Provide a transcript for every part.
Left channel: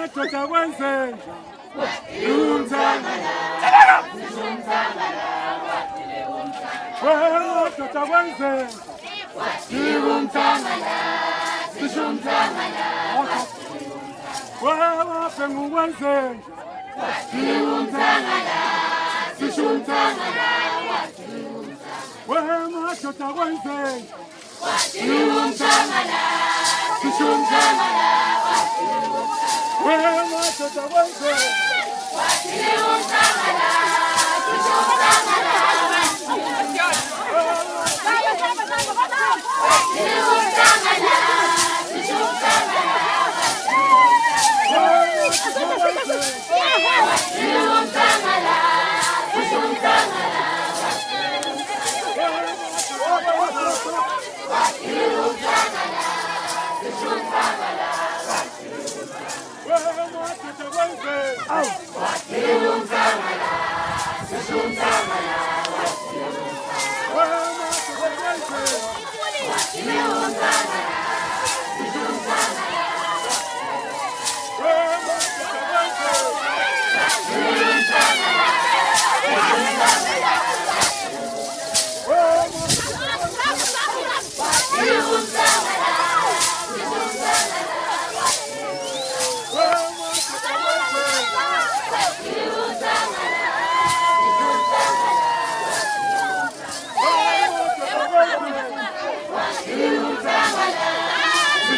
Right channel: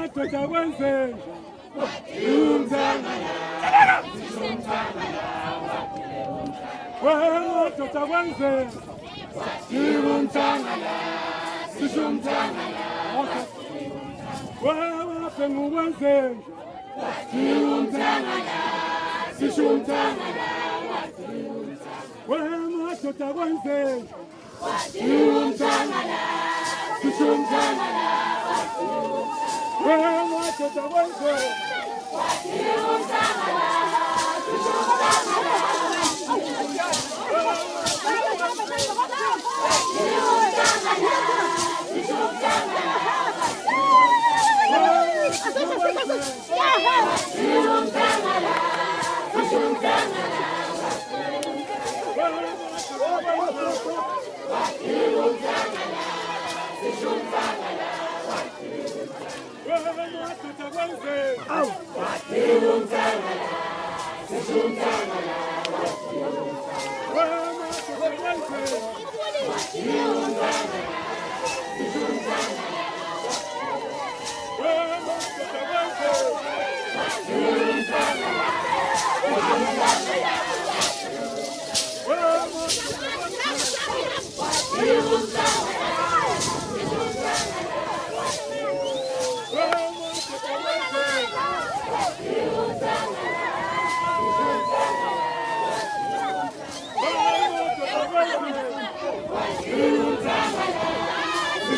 madoda kwenzenja umthangala madoda kwenzenja umthangala sisho umthangala wabhengu kwenzenja umthangala sisho umthangala madoda kwenzenja umthangala sisho umthangala madoda kwenzenja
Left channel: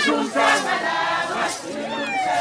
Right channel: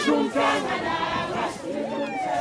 Junta